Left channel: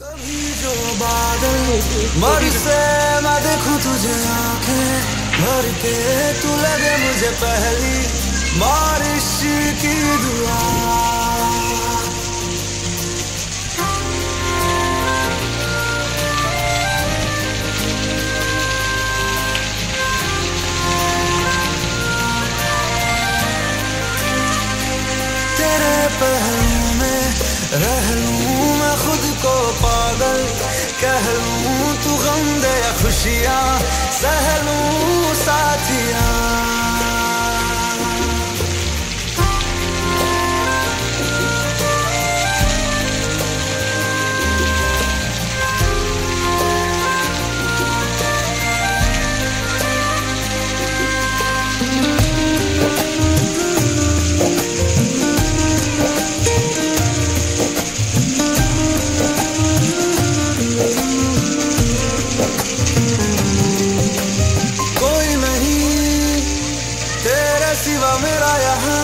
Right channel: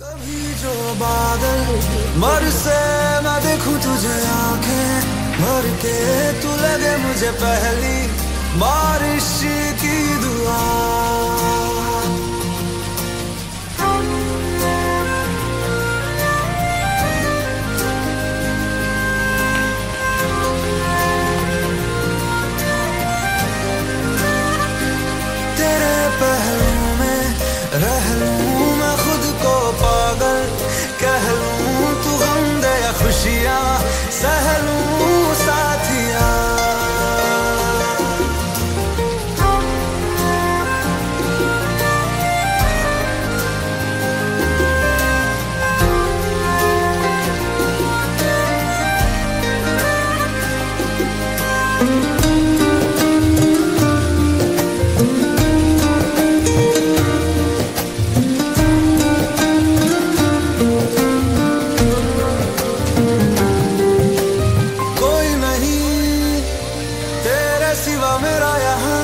कभी जो बादल बरसे मैं देखूं तुझे आंखें भर के, तू लगे मुझे पहली बारिश की दुआ। तेरे पहलू में रह लूं मैं खुद को पागल, कह लूं तू गम दे या खुशियां सह लूं साथिया। सिवा मेरा यहाँ